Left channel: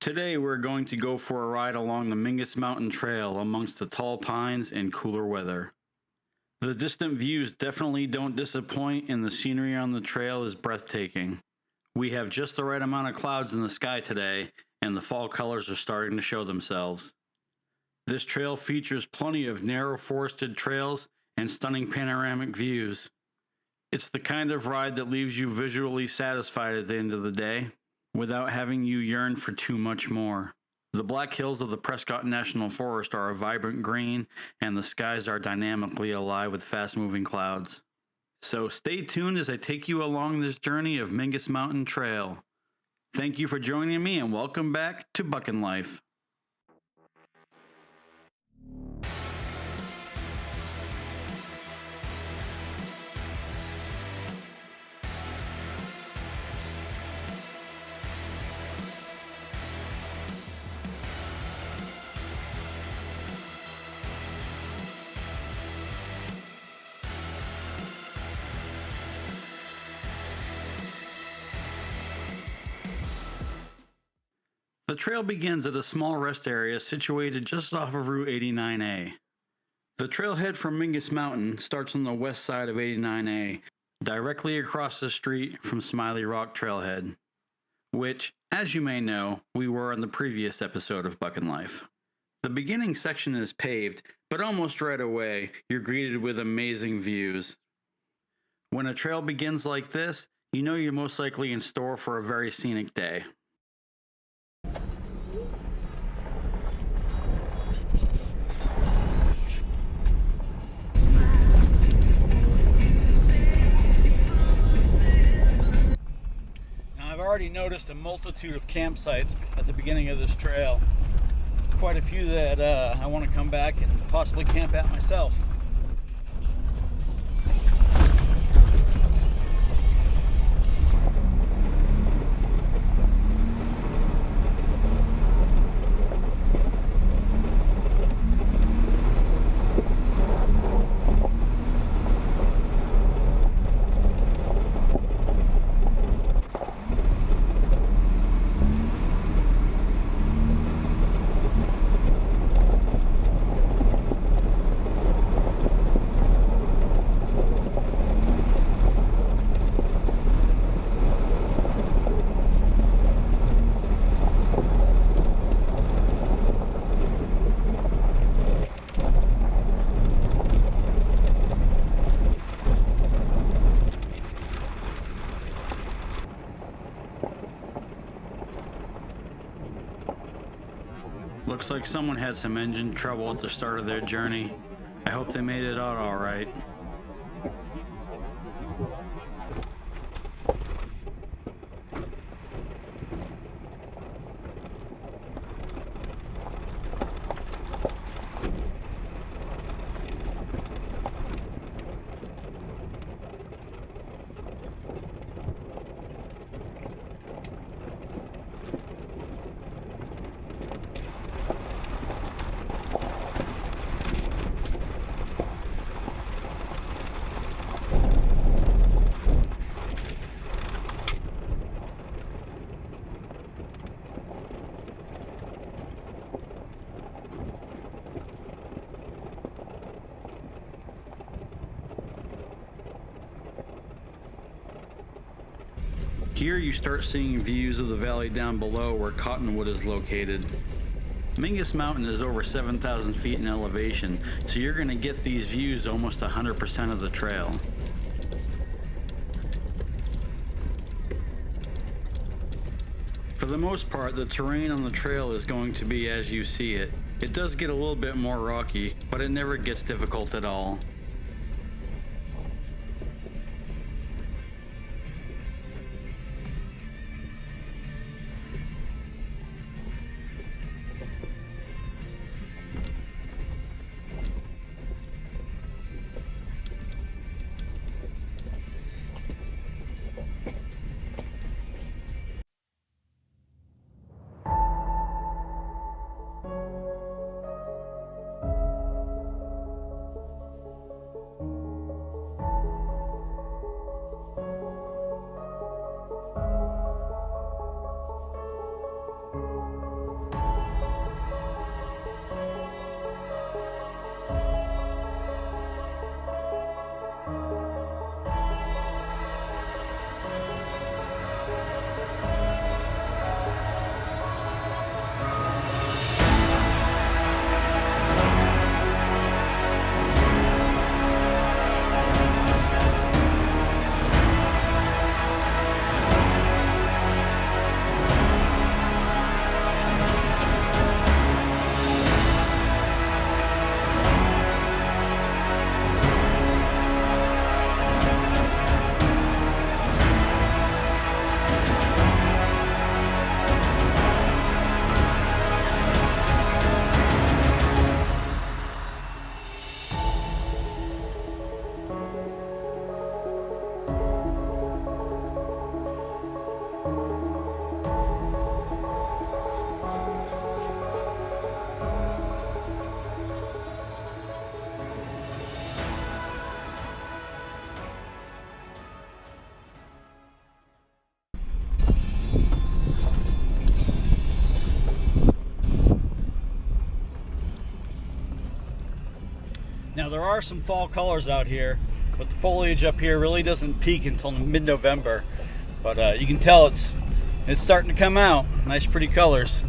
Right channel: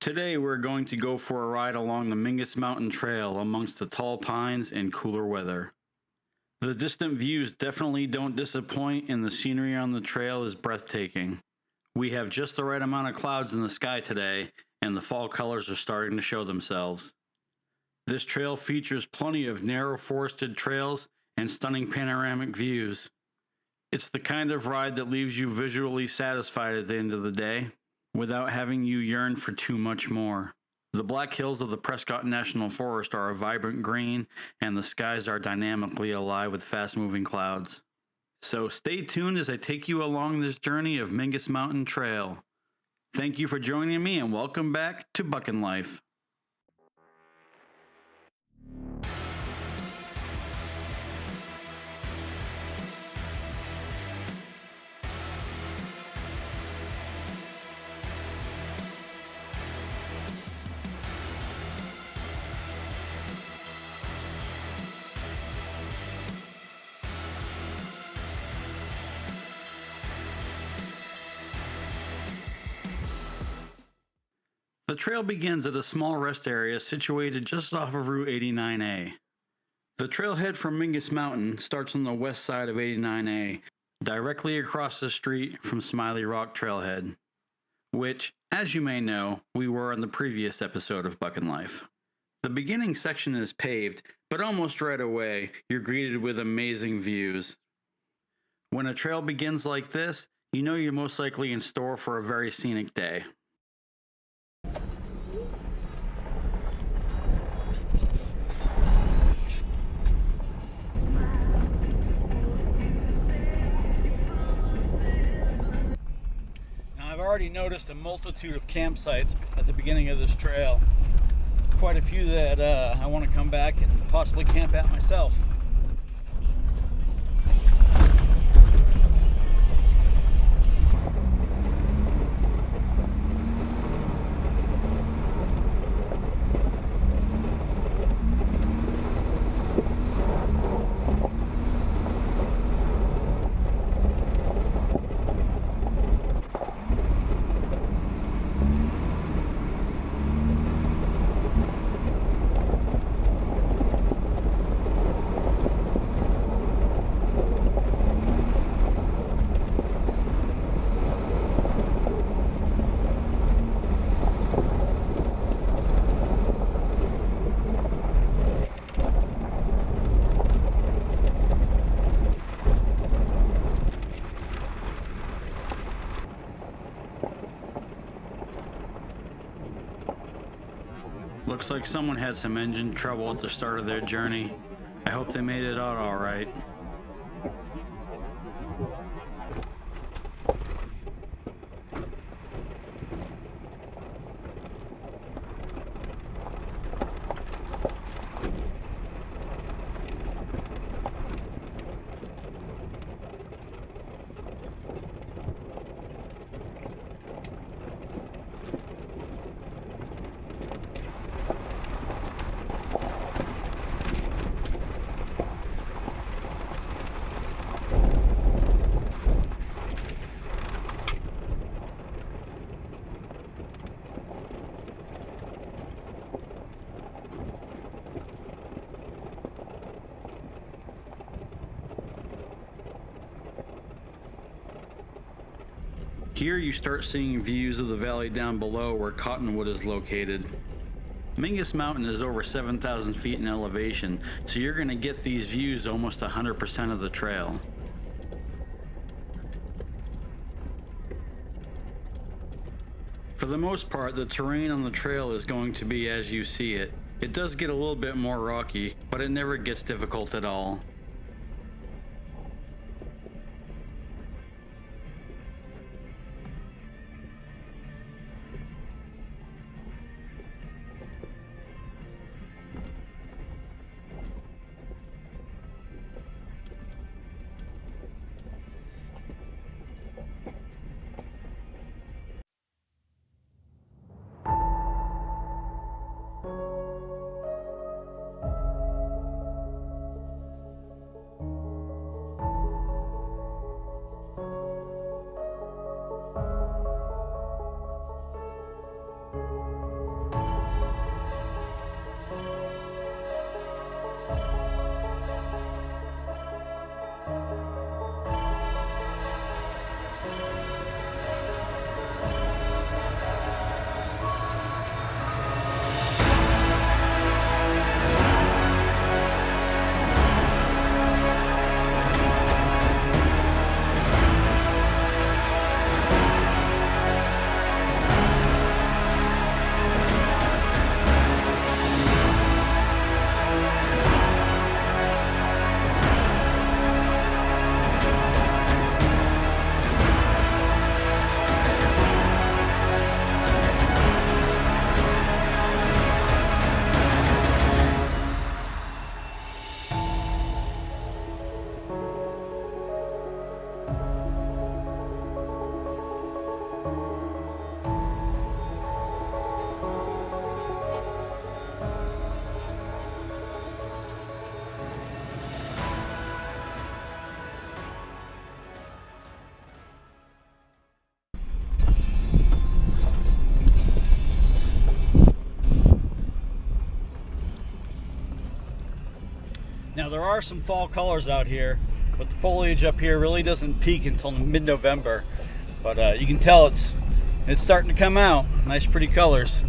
Today we're going to go for a ride along the Mingus Mountain Trail amongst the tall pines in cooler weather. The distant views definitely don't disappoint, and the scenery on the trail is breathtaking. We have just the right amount of clouds in the sky today, and the fall colors are starting to show themselves. This trail features plenty of narrow forested trails and stunning panoramic views. It's the kind of ride that leaves you visually satisfied at the end of the day, without having you yearn for too much more. The Black Hills of the Prescott National Forest are a vibrant green, and the skies are dynamically alive with fast-moving clouds. So stay tuned as I take you along this journey of Mingus Mountain Trail. Thank you for joining me, and welcome back to Buckin' Life. The trail begins at a small rest area situated just off of Route 89A. The trailhead from Mingus Mountain starts on the west side of 89A, directly across the street from Smiley Rock Trailhead, which, as you may know, we were on the previous episode of Buckin' Life. The beginning section is paved, but almost right away, you're greeted with amazing views. When a trail begins like this, you know you're most likely in store for a very scenic day. I've already noticed a multitude of campsites at the beginning of this trail. Quite a few that I want to come back and possibly camp at myself. Looks like someone had some engine trouble at the start of their journey. I hope they made it out all right. Here you start seeing views of the valley down below where Cottonwood is located. Mingus Mountain is over 7,000 feet in elevation, so you're going to get these views almost 100% of the trail. For the most part, the terrain on the trail is going to be as you see it. It does get a little bit more rocky, but it never gets difficult at all. Now there are some fall colors out here, but the foliage up here really doesn't peak until mid-November. But you can tell it's starting to come out. Nice pretty colors.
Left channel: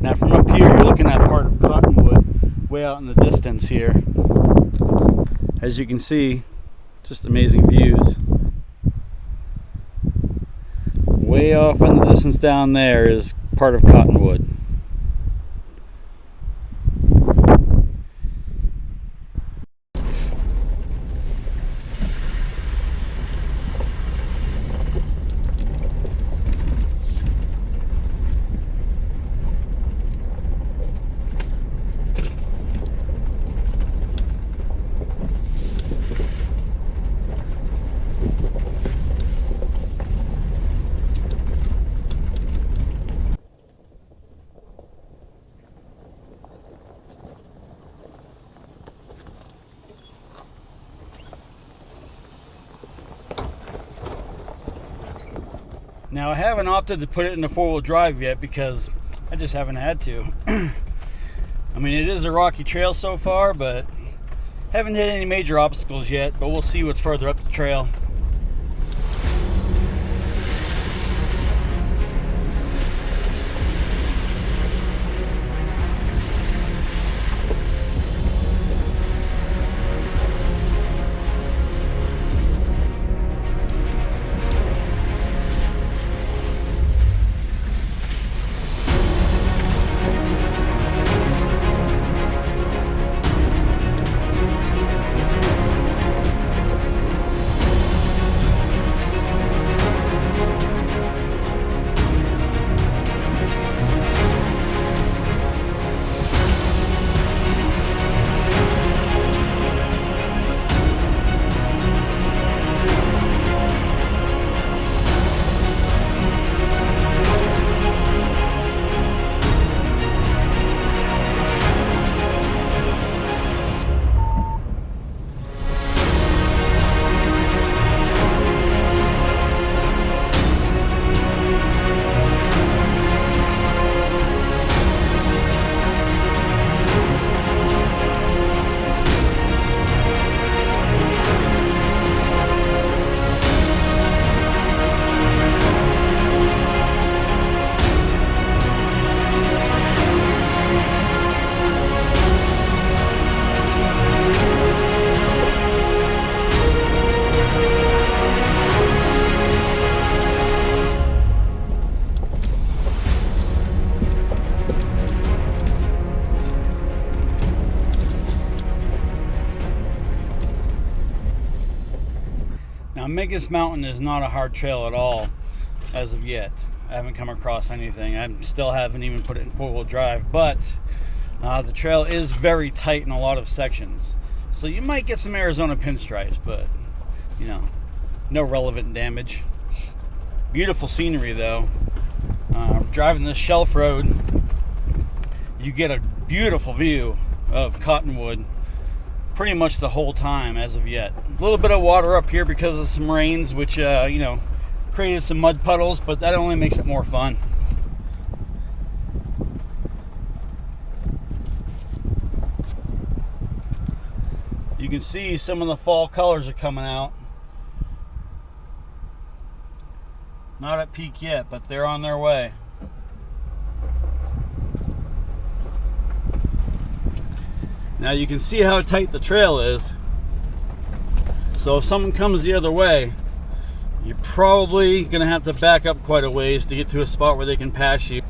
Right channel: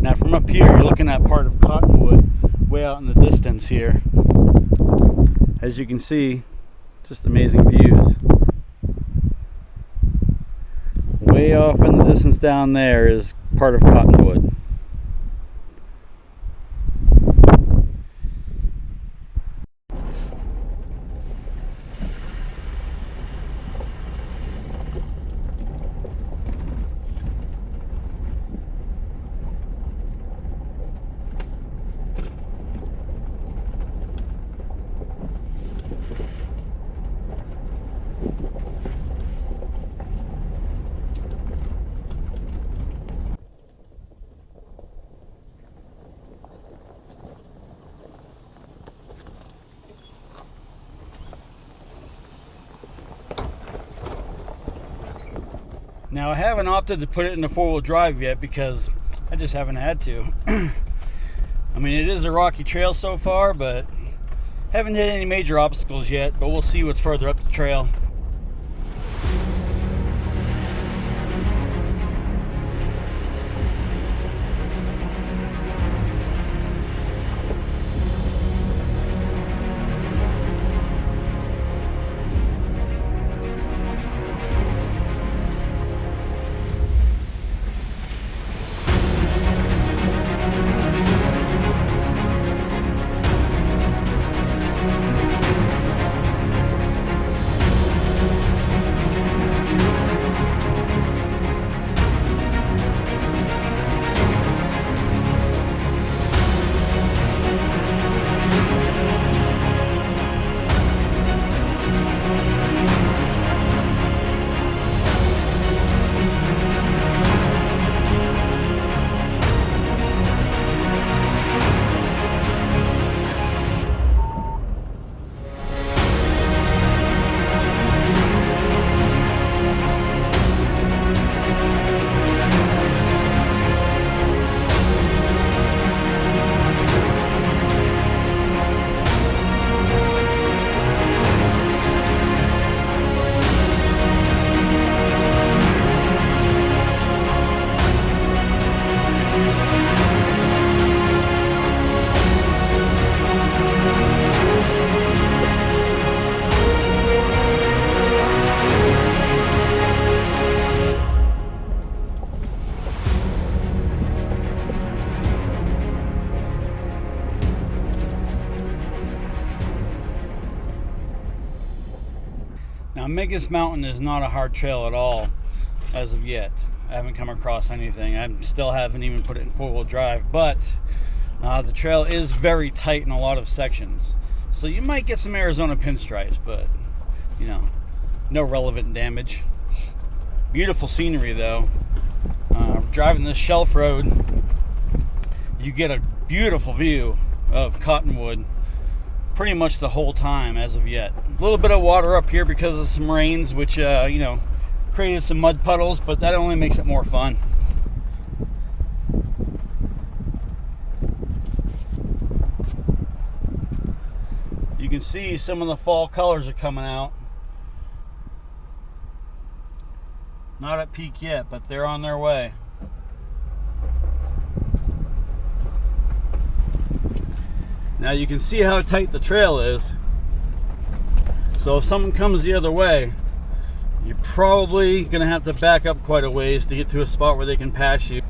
Now from up here, you're looking at part of Cottonwood way out in the distance here. As you can see, just amazing views. Way off in the distance down there is part of Cottonwood. Now I haven't opted to put it in the four-wheel drive yet because I just haven't had to. I mean, it is a rocky trail so far, but haven't hit any major obstacles yet, but we'll see what's further up the trail. Mingus Mountain is not a hard trail at all as of yet. I haven't come across anything. I still haven't even put it in four-wheel drive, but the trail is very tight in a lot of sections. So you might get some Arizona pinstripes, but you know, no relevant damage. Beautiful scenery though. Driving this shelf road, you get a beautiful view of Cottonwood pretty much the whole time as of yet. A little bit of water up here because of some rains, which you know, created some mud puddles, but that only makes it more fun. You can see some of the fall colors are coming out. Not at peak yet, but they're on their way. Now you can see how tight the trail is. So if someone comes the other way, you're probably going to have to back up quite a ways to get to a spot where they can pass you.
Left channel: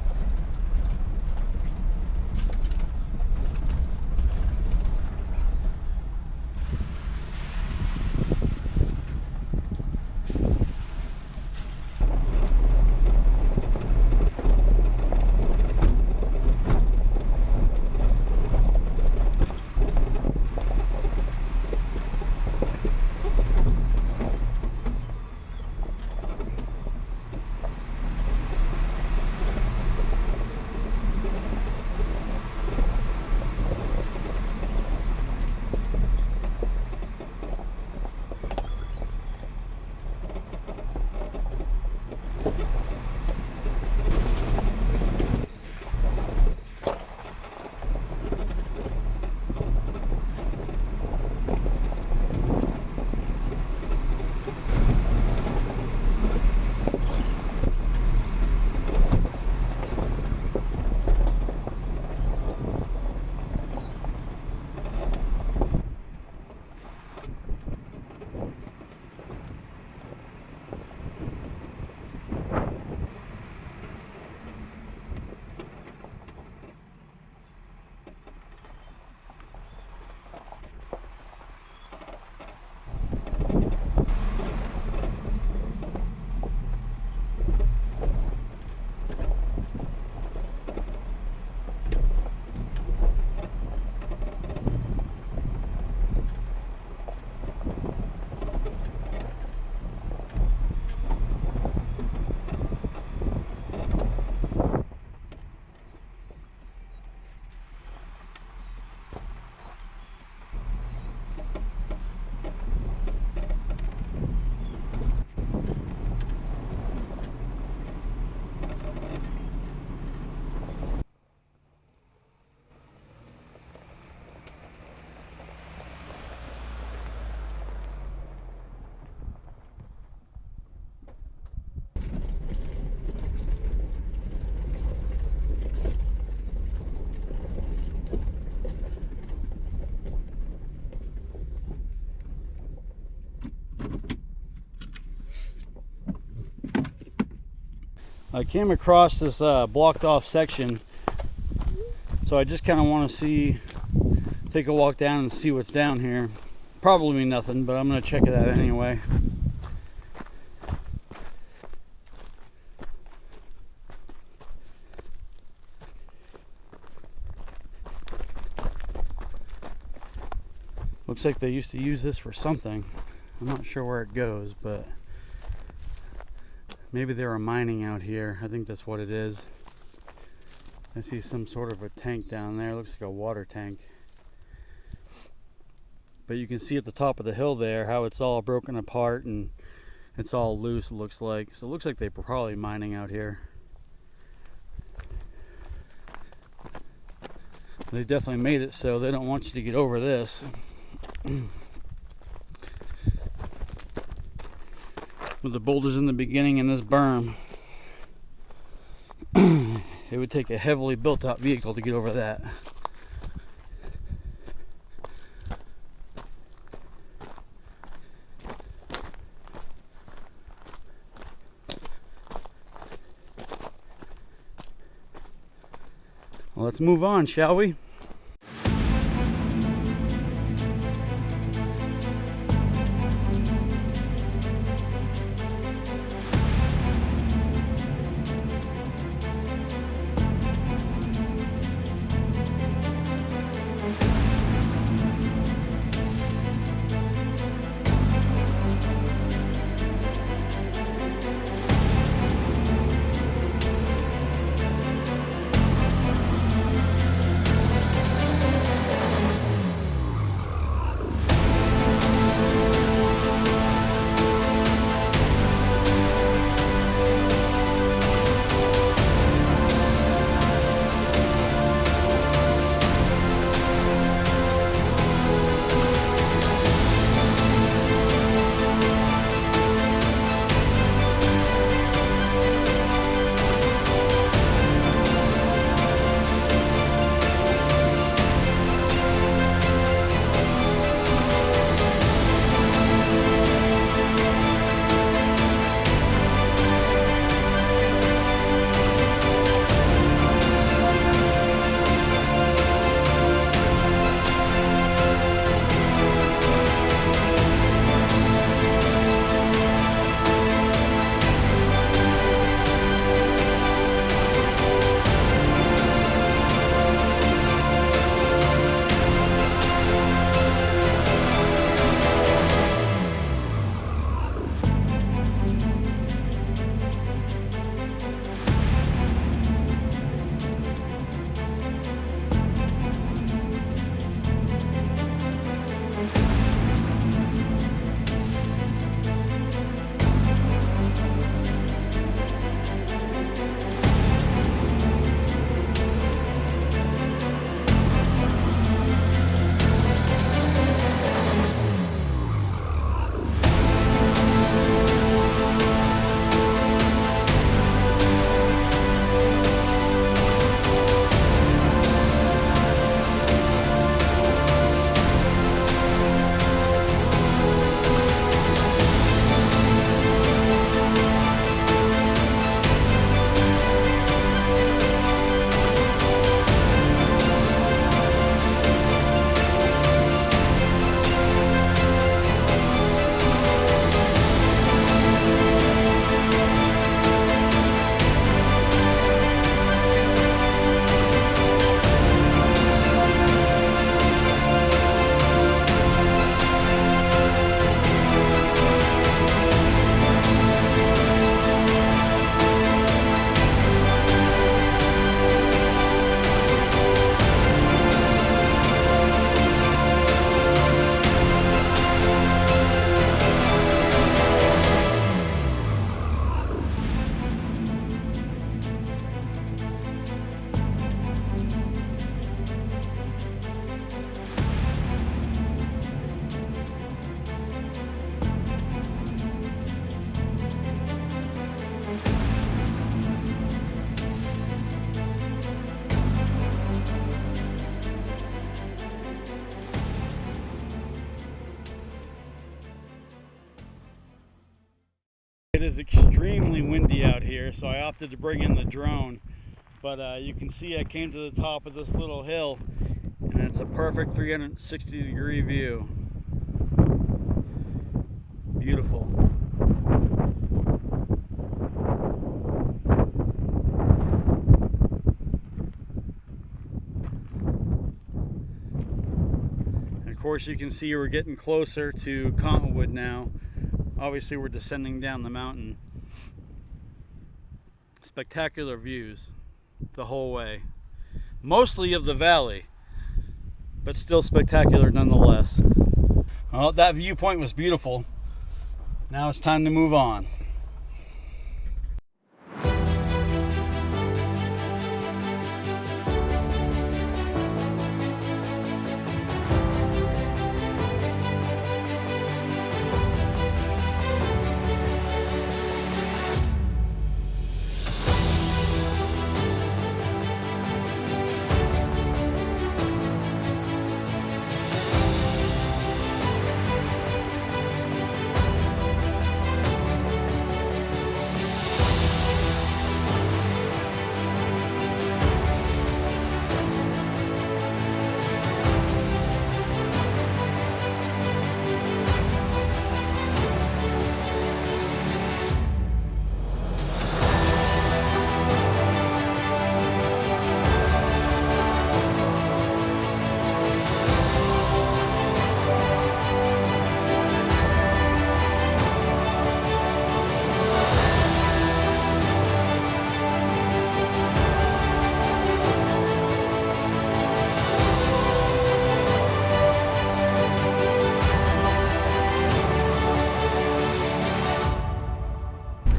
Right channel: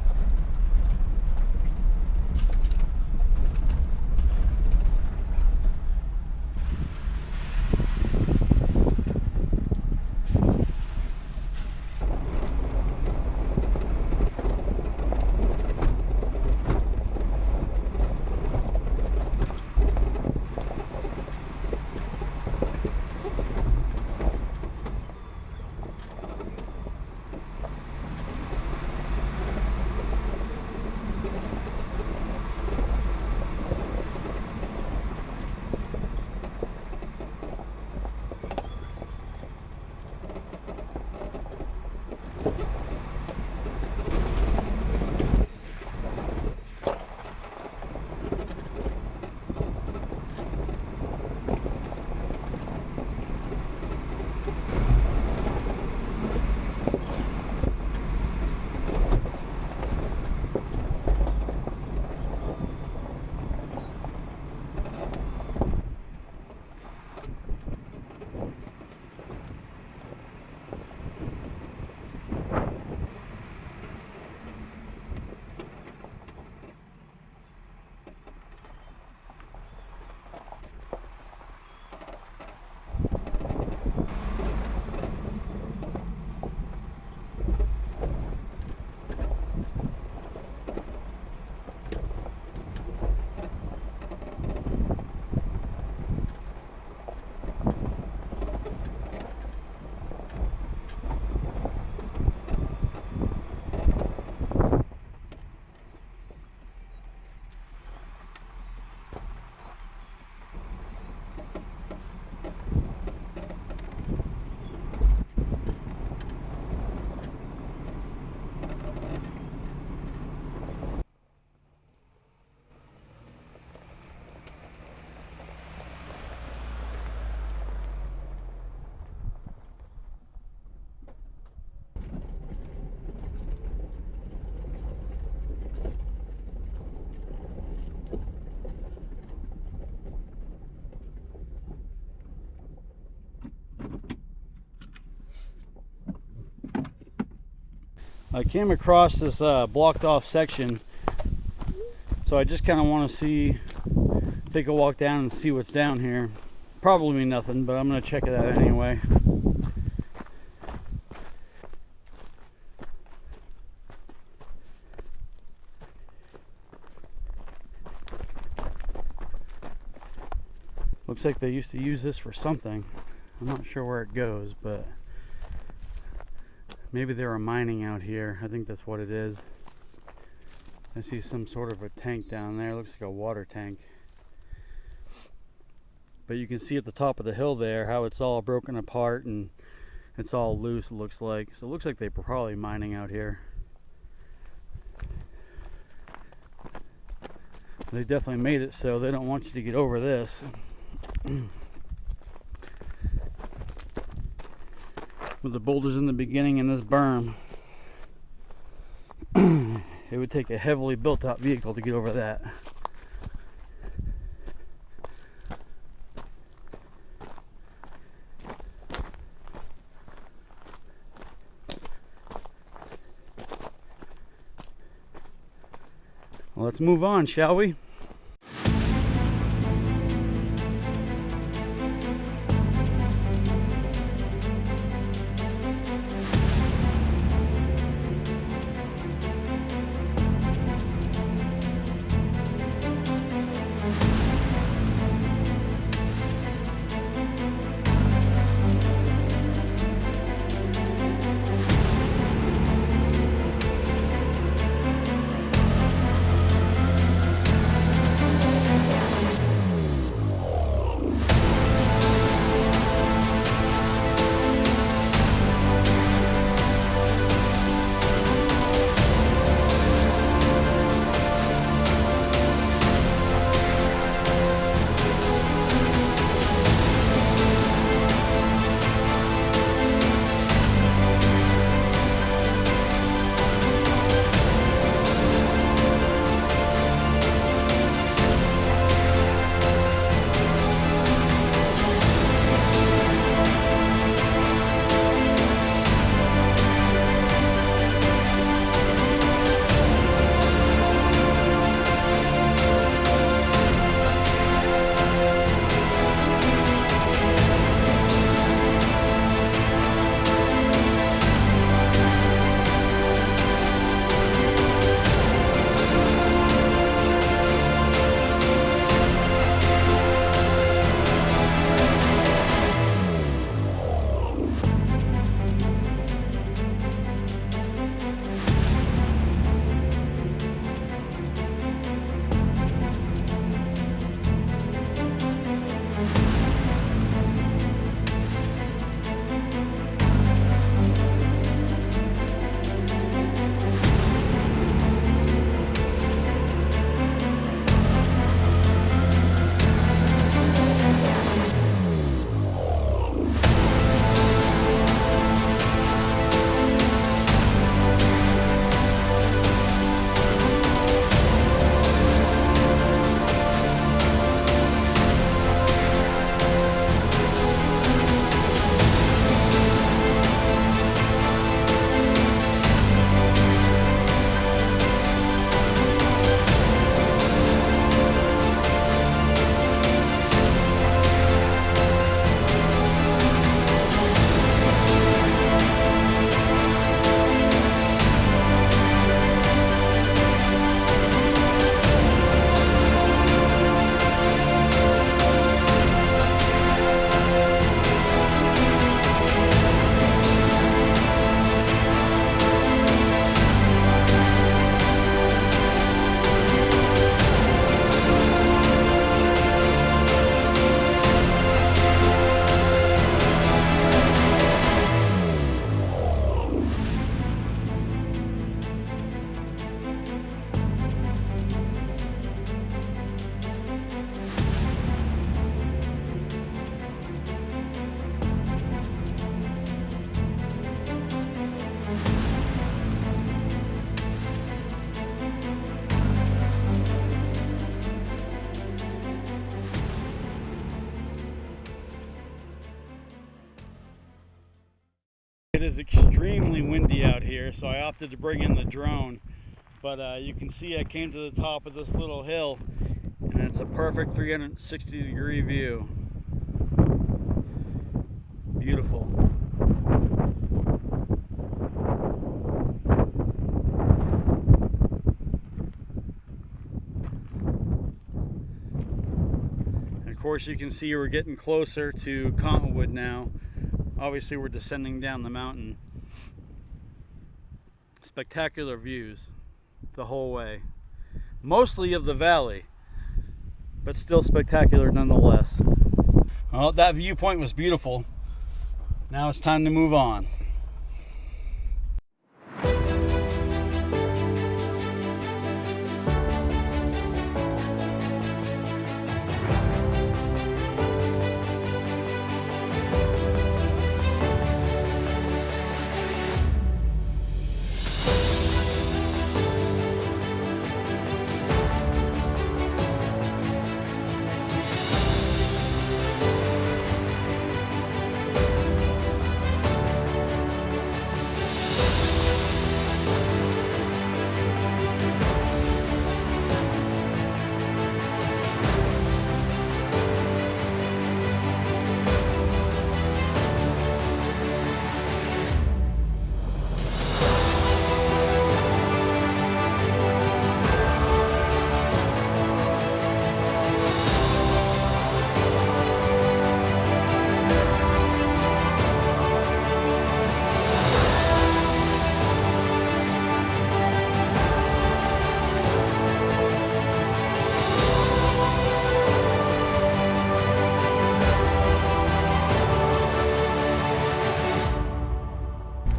I came across this blocked off section, so I just kind of want to take a walk down and see what's down here. Probably nothing, but I'm going to check it out anyway. Looks like they used to use this for something. I'm not sure where it goes, but maybe they were mining out here. I think that's what it is. I see some sort of a tank down there. It looks like a water tank. But you can see at the top of the hill there how it's all broken apart and it's all loose, it looks like. So it looks like they were probably mining out here. They definitely made it so they don't want you to get over this. With the boulders in the beginning and this berm, it would take a heavily built out vehicle to get over that. Well, let's move on, shall we? is extremely windy out here, so I opted to bring in the drone. But you can see I came to the top of this little hill, and it's a perfect 360-degree view. Beautiful. And of course, you can see we're getting closer to Cottonwood now. Obviously, we're descending down the mountain. Spectacular views the whole way. Mostly of the valley, but still spectacular nonetheless. Well, that viewpoint was beautiful. Now it's time to move on.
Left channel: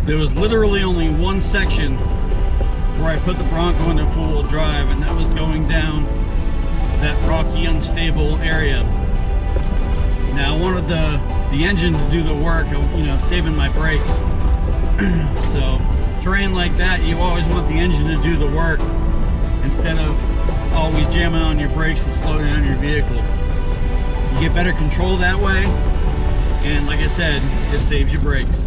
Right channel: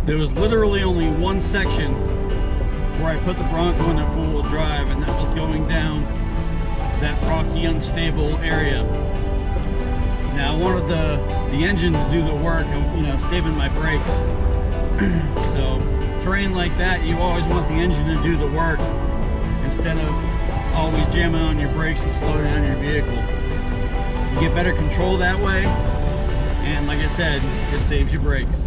There was literally only one section where I put the Bronco into four-wheel drive, and that was going down that rocky, unstable area. Now I wanted the engine to do the work of, you know, saving my brakes. So terrain like that, you always want the engine to do the work instead of always jamming on your brakes and slowing down your vehicle. You get better control that way, and like I said, it saves your brakes.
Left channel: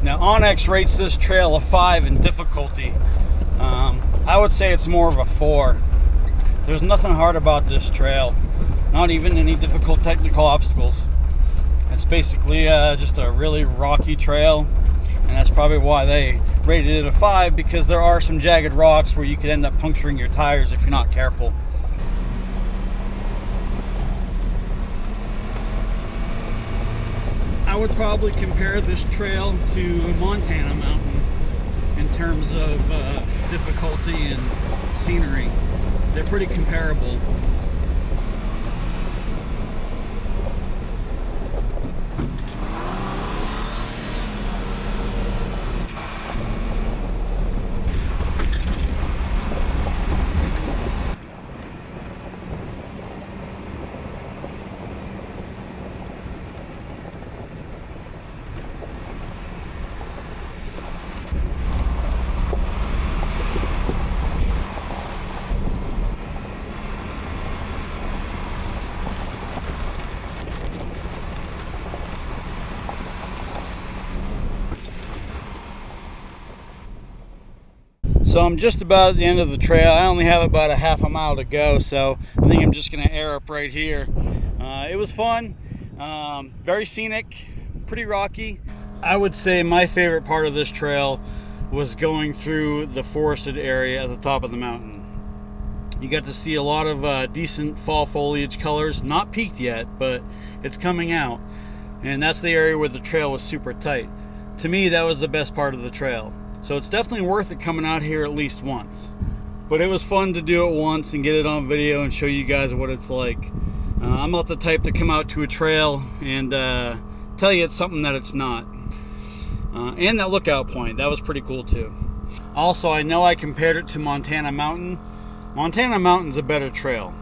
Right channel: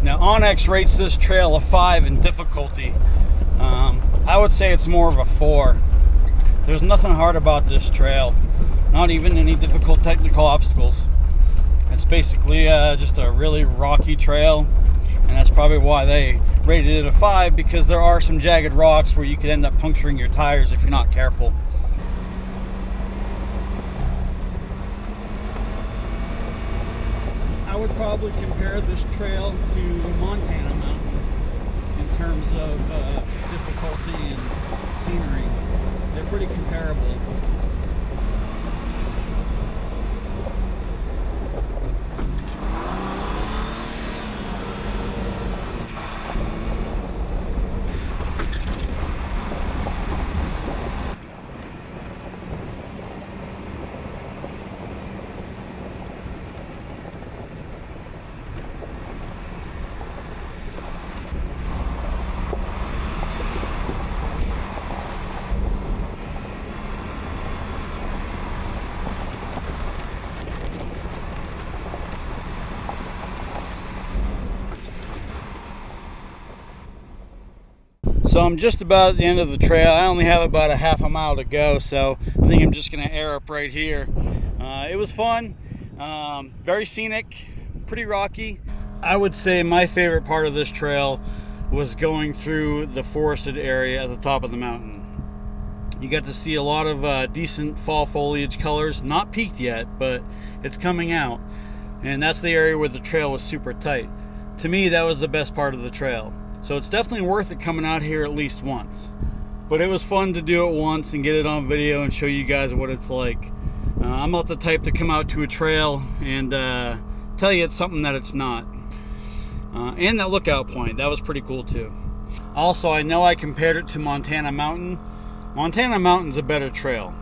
Now, Onyx rates this trail a 5 in difficulty. I would say it's more of a 4. There's nothing hard about this trail, not even any difficult technical obstacles. It's basically just a really rocky trail, and that's probably why they rated it a 5, because there are some jagged rocks where you could end up puncturing your tires if you're not careful. I would probably compare this trail to Montana Mountain in terms of difficulty and scenery. They're pretty comparable. So I'm just about at the end of the trail. I only have about a half a mile to go, so I think I'm just gonna air up right here. It was fun, very scenic, pretty rocky. I would say my favorite part of this trail was going through the forested area at the top of the mountain. You got to see a lot of decent fall foliage colors, not peaked yet, but it's coming out. And that's the area where the trail was super tight. To me, that was the best part of the trail. So it's definitely worth it coming out here at least once. But it was fun to do it once and get it on video and show you guys what it's like. I'm not the type to come out to a trail and tell you it's something that it's not. And that lookout point, that was pretty cool too. Also, I know I compared it to Montana Mountain. Montana Mountain's a better trail.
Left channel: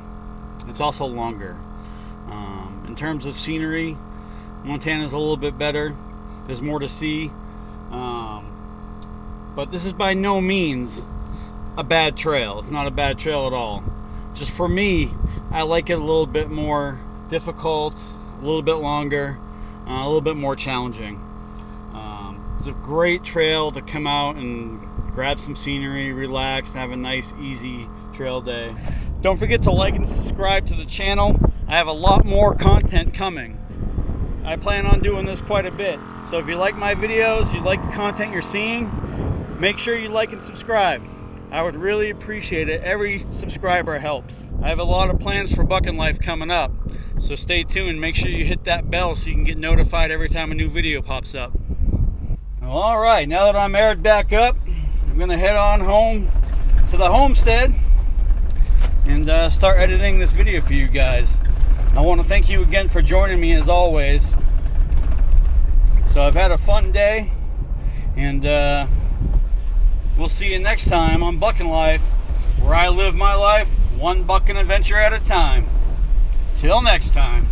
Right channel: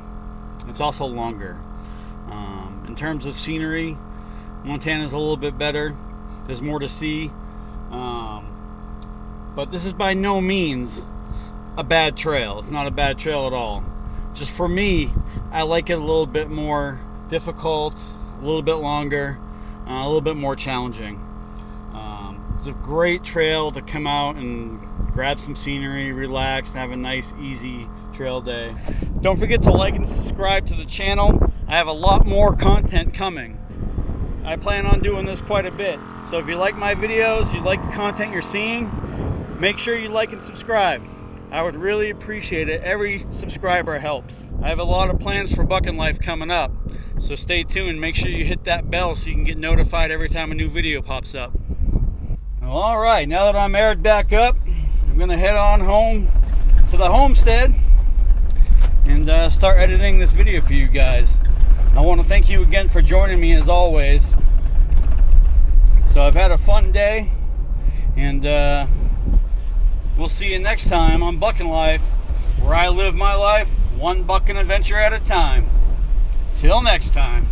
It's also longer. In terms of scenery, Montana's a little bit better. There's more to see. But this is by no means a bad trail. It's not a bad trail at all. Just for me, I like it a little bit more difficult, a little bit longer, a little bit more challenging. It's a great trail to come out and grab some scenery, relax, and have a nice, easy trail day. Don't forget to like and subscribe to the channel. I have a lot more content coming. I plan on doing this quite a bit. So if you like my videos, you like the content you're seeing, make sure you like and subscribe. I would really appreciate it. Every subscriber helps. I have a lot of plans for Bucking Life coming up. So stay tuned. Make sure you hit that bell so you can get notified every time a new video pops up. Well, all right, now that I'm aired back up, I'm gonna head on home to the homestead and start editing this video for you guys. I want to thank you again for joining me as always. So I've had a fun day, and we'll see you next time on Bucking Life, where I live my life one bucking adventure at a time. Till next time.